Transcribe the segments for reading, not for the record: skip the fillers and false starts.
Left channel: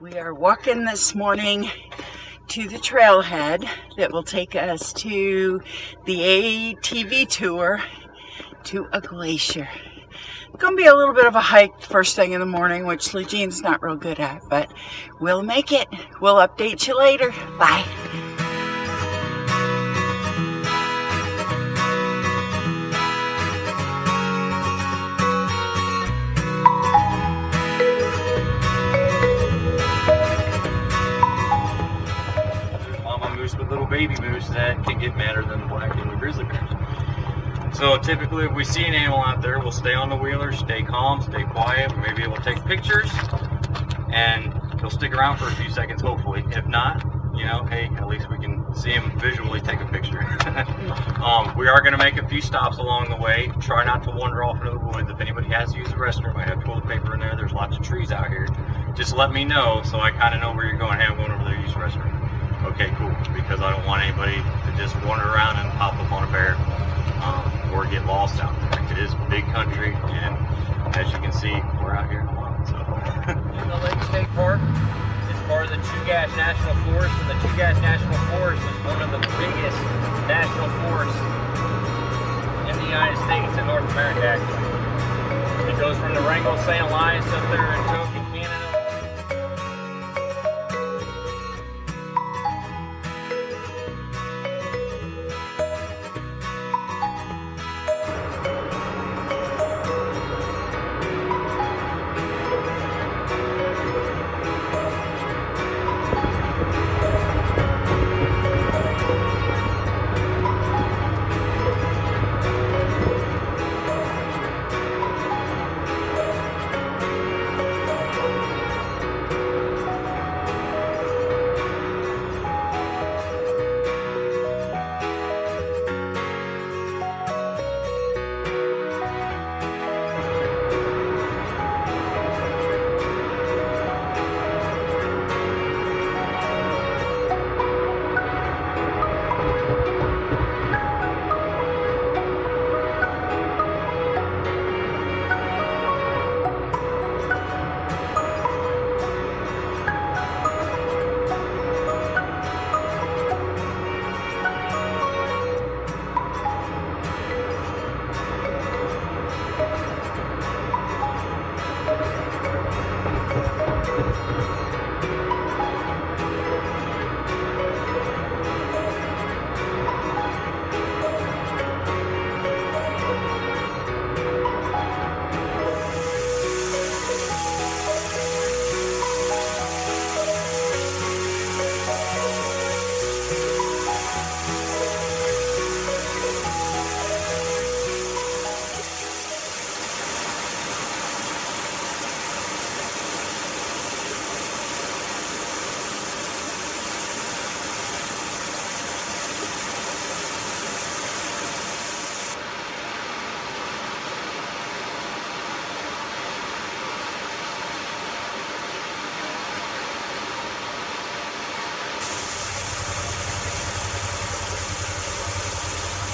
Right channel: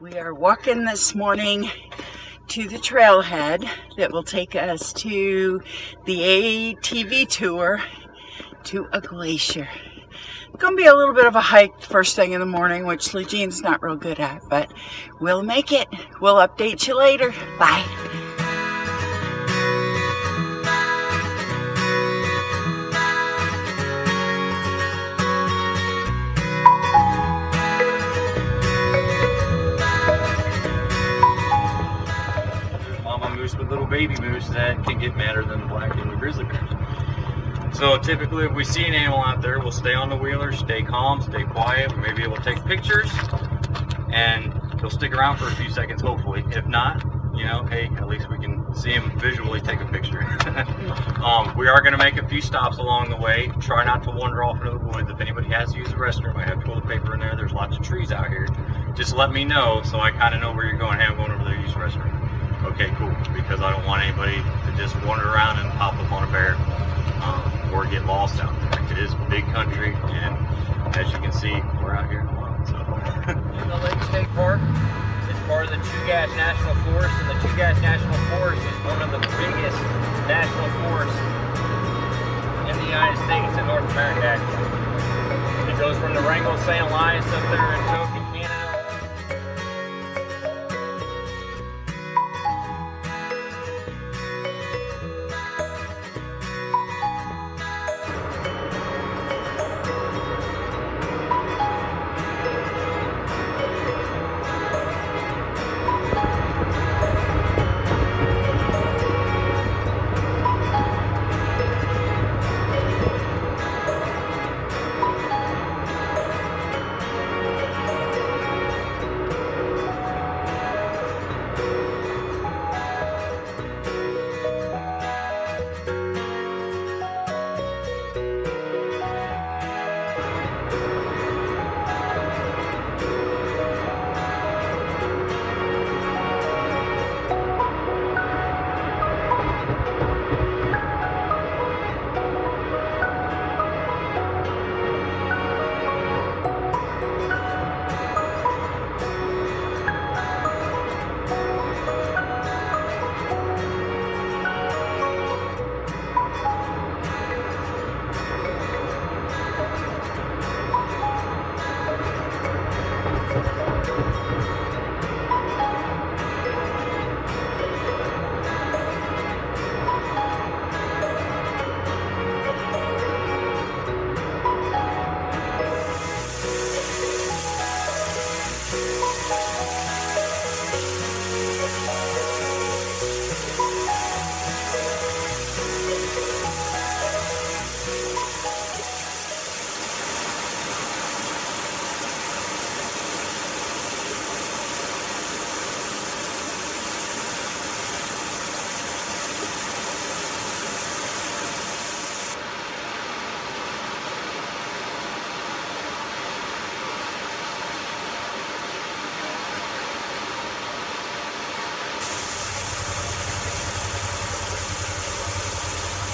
We are walking this morning to the trailhead that will take us to the ATV tour to a glacier. It's going to be a little bit of a hike first thing in the morning, which Lejean's not real good at, but we'll make it. We'll update you later. Bye. With little baby moose that can get madder than the black and the grizzly bears. So typically if we see an animal out there, we'll stay on the wheeler, stay calm, stay quiet. We may be able to take pictures and he'll stick around for a few seconds hopefully. If not, you know, hey, at least we can see him visually take a picture. We are going to make a few stops along the way. Try not to wander off into the woods. If anybody has to use the restroom, I have toilet paper in there. There's lots of trees out here. Just let me know so I kind of know where you're going. Hey, I'm going over there to use the restroom. Okay, cool, because I don't want anybody to just wander around and pop up on a bear or get lost out there. It is big country, and as you can see, we're out here in the wild. So. The Lake State Park is part of the Chugach National Forest, and the Chugach National Forest is one of the biggest national forests in the United States and North America, actually. It goes from the Wrangell St. Elias up there in Tokyo, Canada.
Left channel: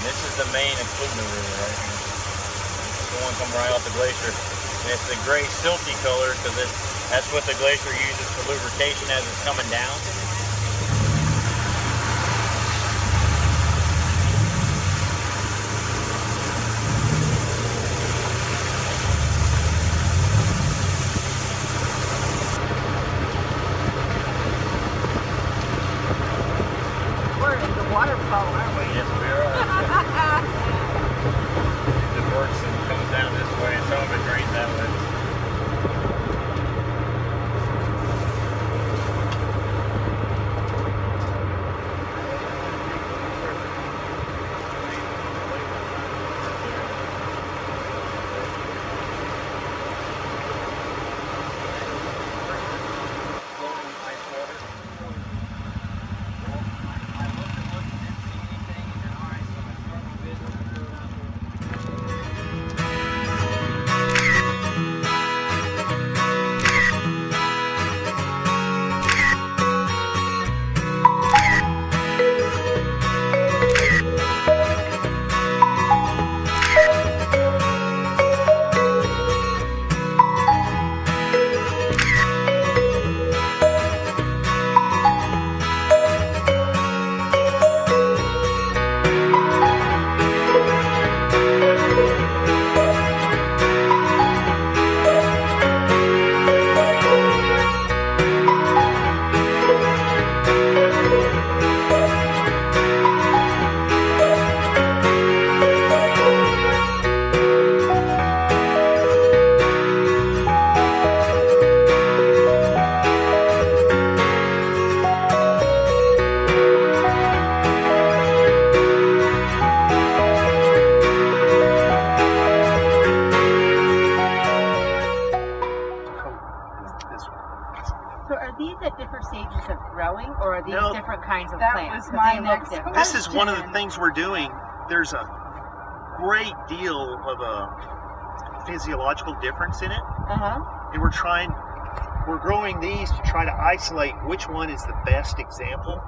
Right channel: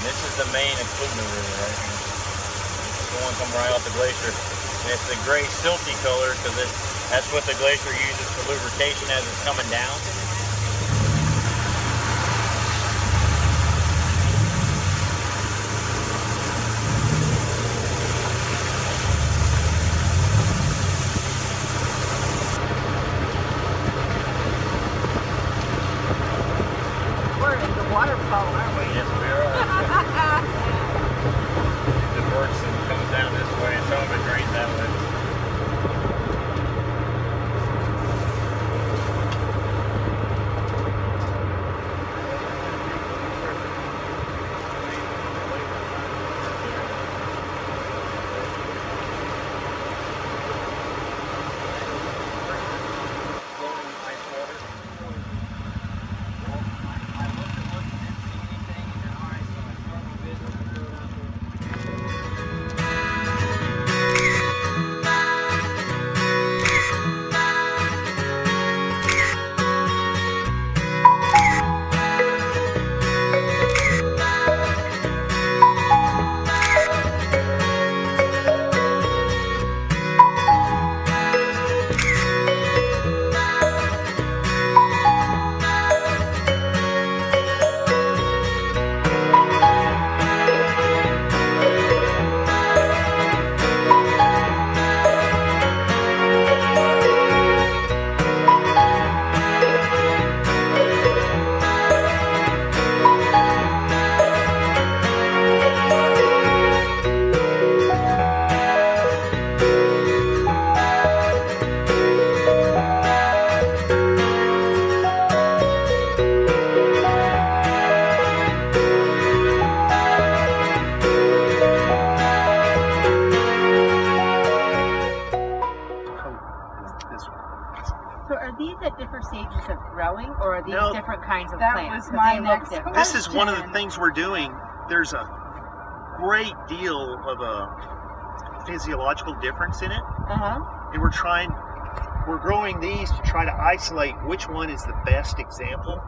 This is the main Eklutna River right here. It's the one coming right off the glacier. And it's the gray silty color because that's what the glacier uses for lubrication as it's coming down. We're in the waterfall, aren't we? Yes, we are. It works and comes down this way, and some of it drains that way. these at different stages of growing, or are these No, different kinds of that plants? was 'Cause my they look next different. This is one of the question. things we're doing. There's a great deal of a physiological difference in it, and we're growing these to try to isolate which one is the best example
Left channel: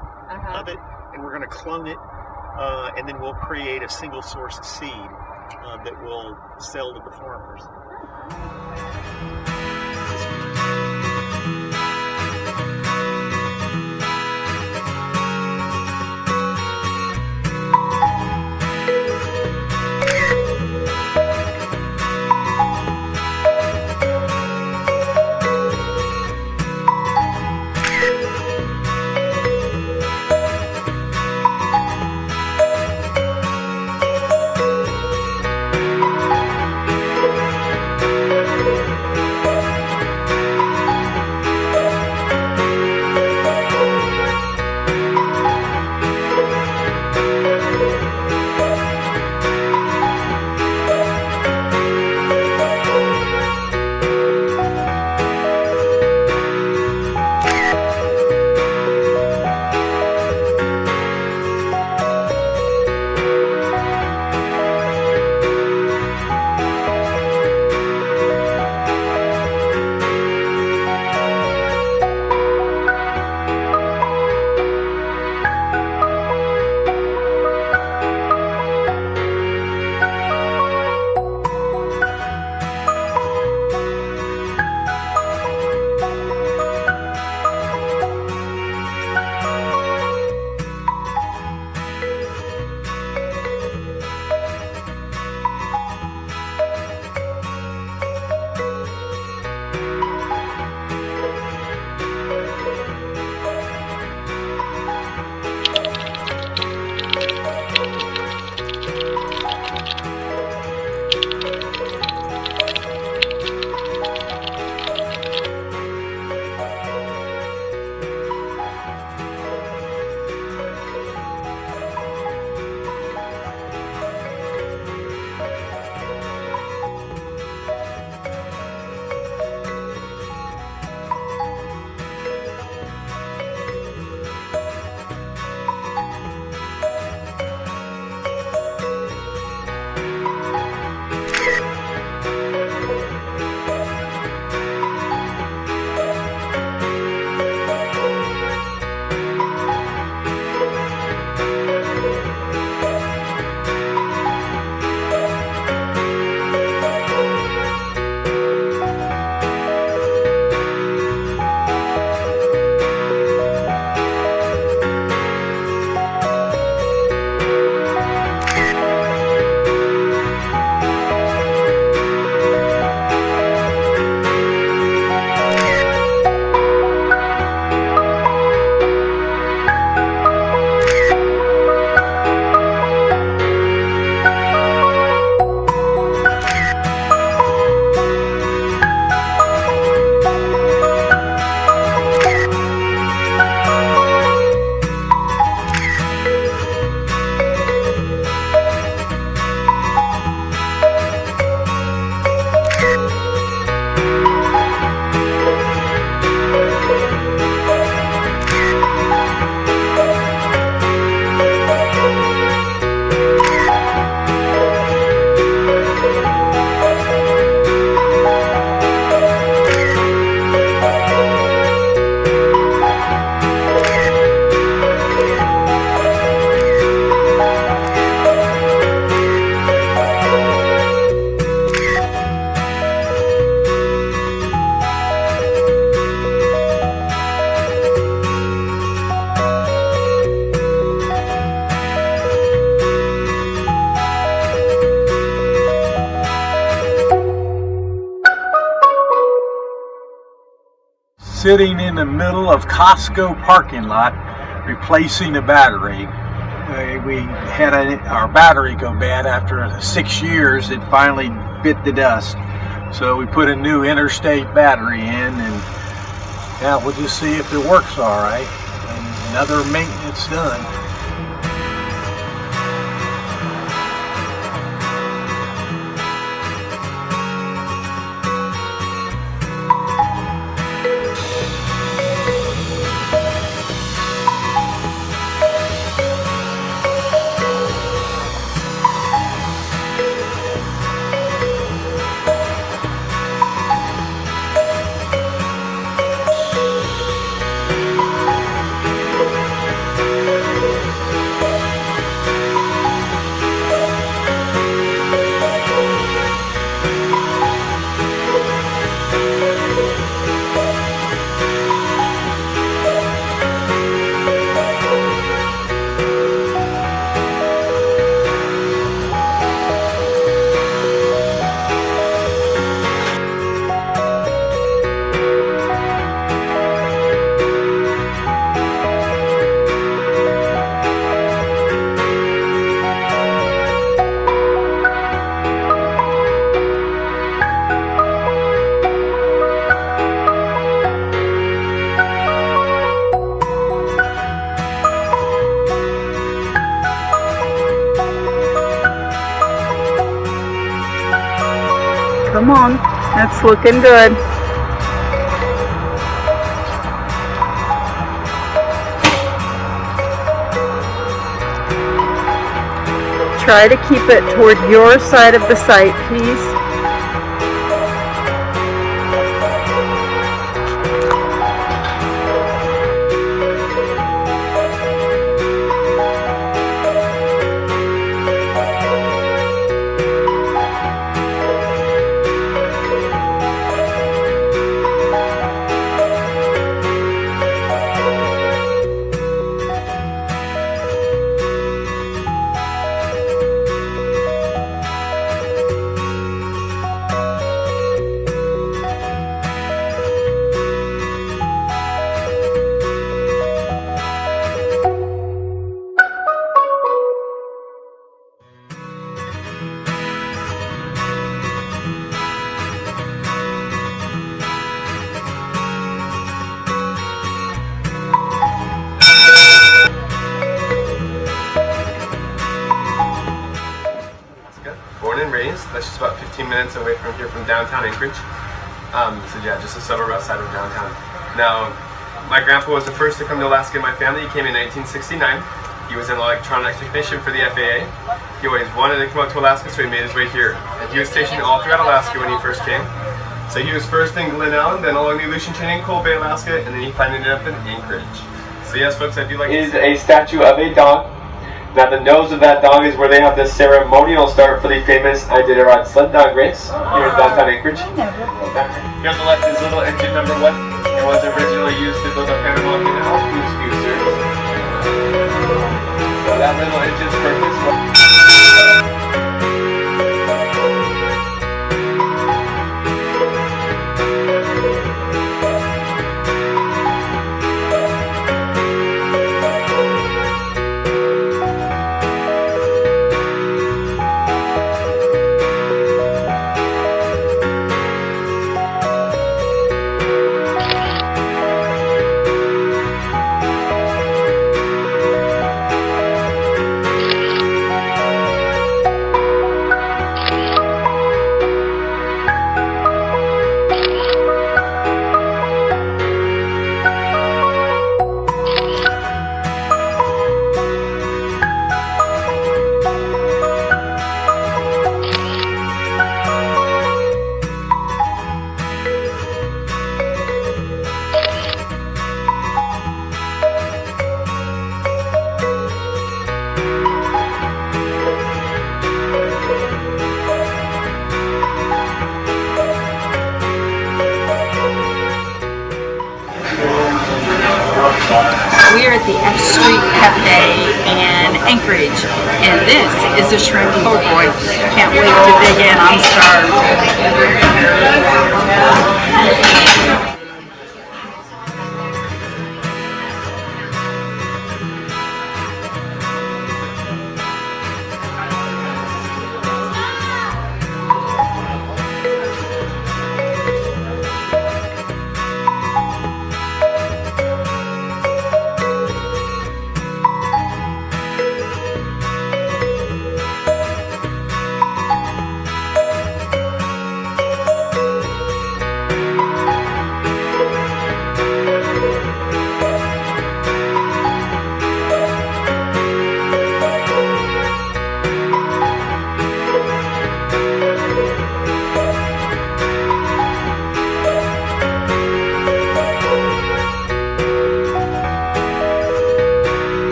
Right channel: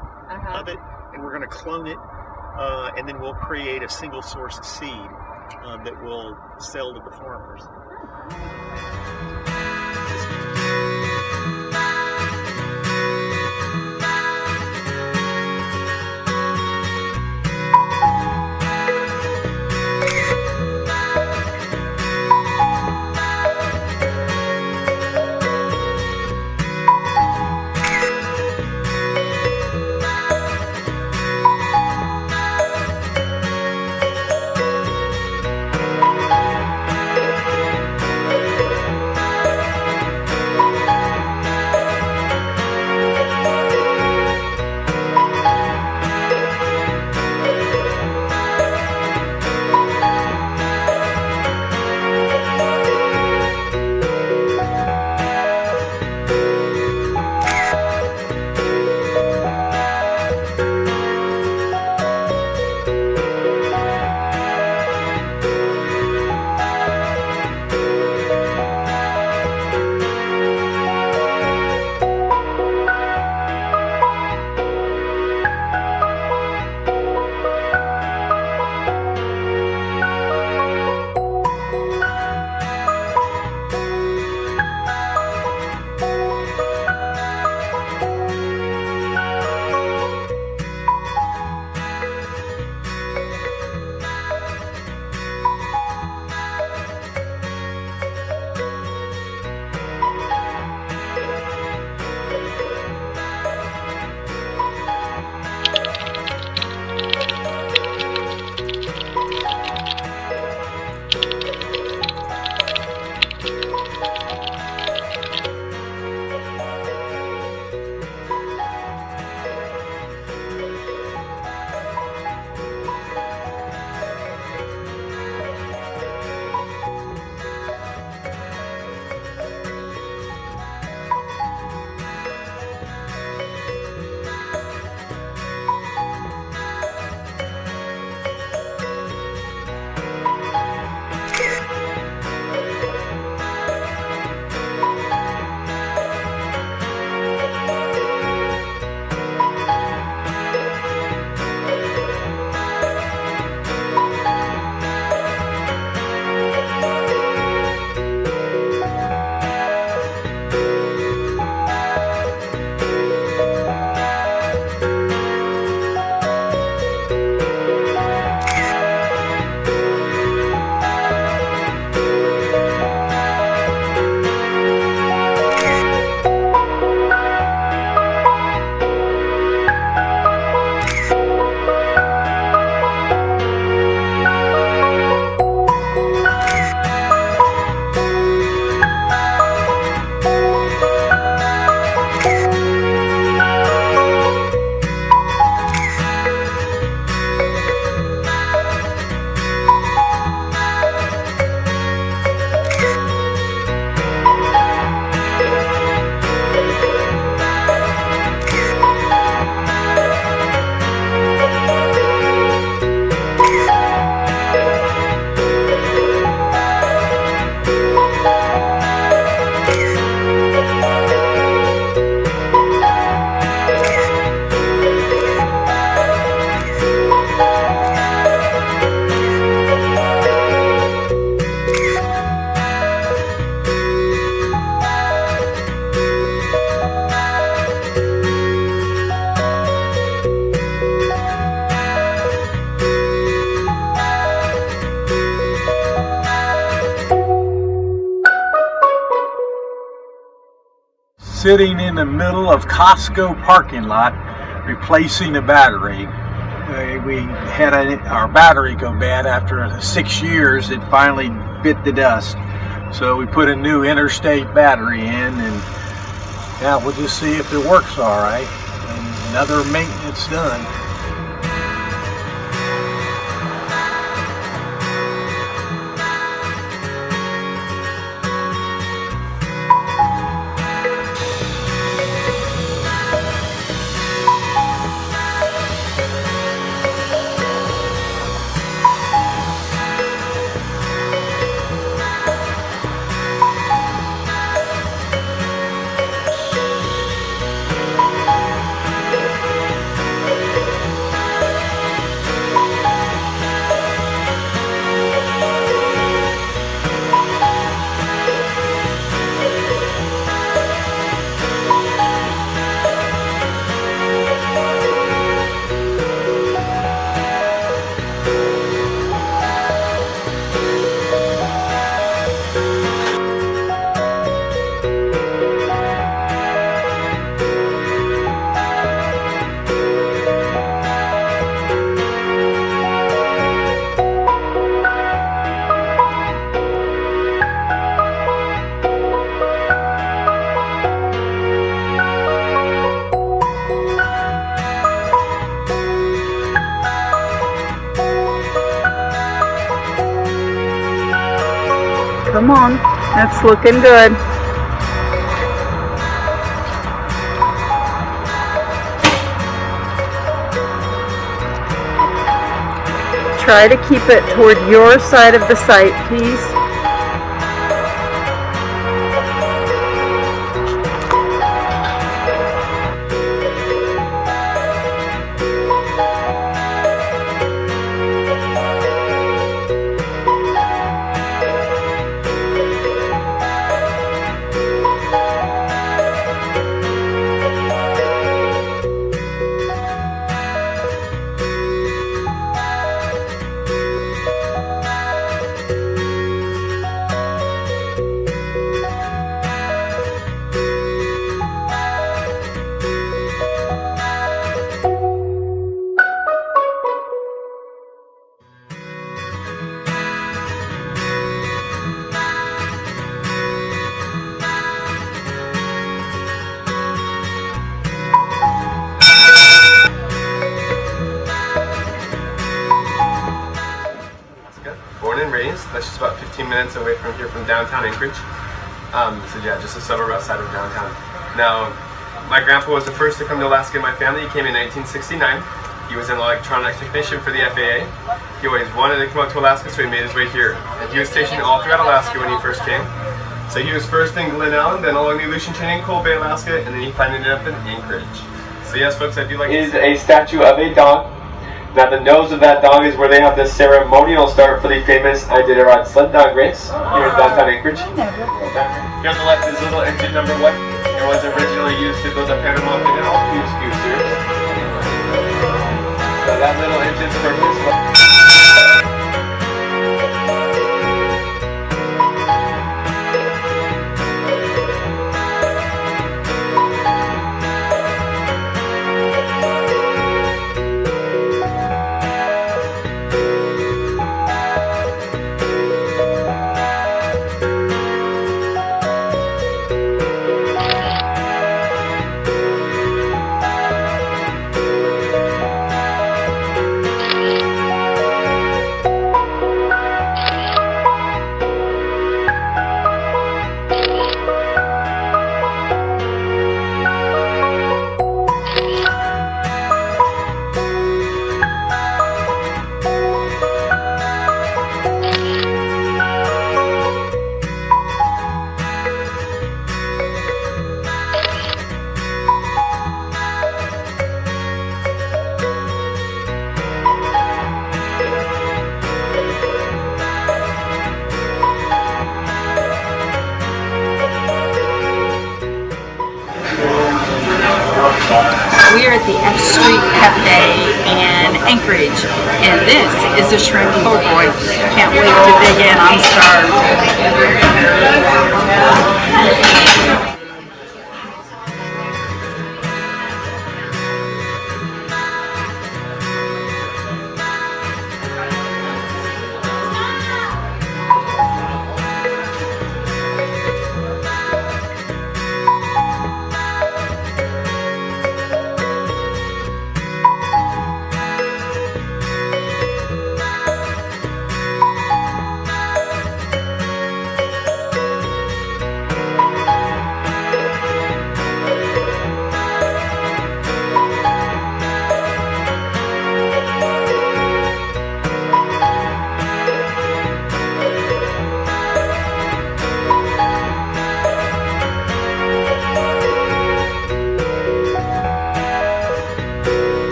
of it, and we're going to clone it, and then we'll create a single source of seed that we'll sell to the farmers. sitting in the middle of Costco parking lot replacing a battery. We had our battery go bad after 6 years. It finally bit the dust. So we put a new Interstate battery in, and yeah, we'll just see if it works all right. And another maintenance done. Come on, that's looking good. Try to keep it toward your side of the site, please. Born and raised. That's just about 15 minutes away from here, from downtown Anchorage. So yeah, just a suburb outside of downtown. Now, my grandpa was the first to come to Alaska in my family. He came in 1969. He was an electronics technician for the FAA. He always wanted to come out to Alaska, so he made his way here. And he was stationed all throughout Alaska when he first came. So he was first in Glenelg, then along the Aleutian chain in Cold Bay, Alaska, and then he finally ended up in Anchorage. So yes, folks, I do like. Is a statue of a dog. Now the nose of that dog is where they have the ceremonial start for the famous Iditarod sled dog race here in downtown Anchorage. Here on the left is little engine number 1. It was originally used to build the Panama Canal goose goosers. So that little engine's purpose was... We are at the F-Street Cafe in Anchorage, and this is a shrimp po' boy. Can't wait to dig in. I'm starved.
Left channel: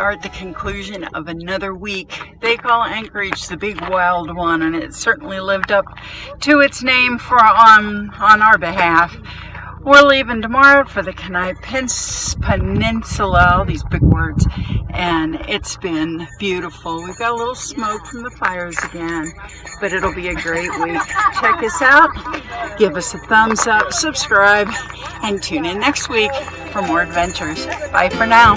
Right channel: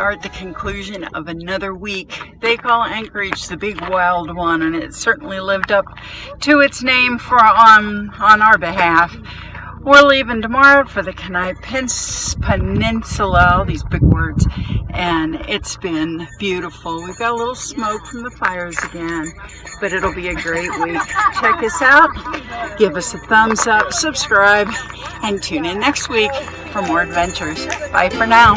are at the conclusion of another week. They call Anchorage the big wild one, and it certainly lived up to its name on our behalf. We're leaving tomorrow for the Kenai Peninsula, all these big words, and it's been beautiful. We've got a little smoke from the fires again, but it'll be a great week. Check us out, give us a thumbs up, subscribe, and tune in next week for more adventures. Bye for now.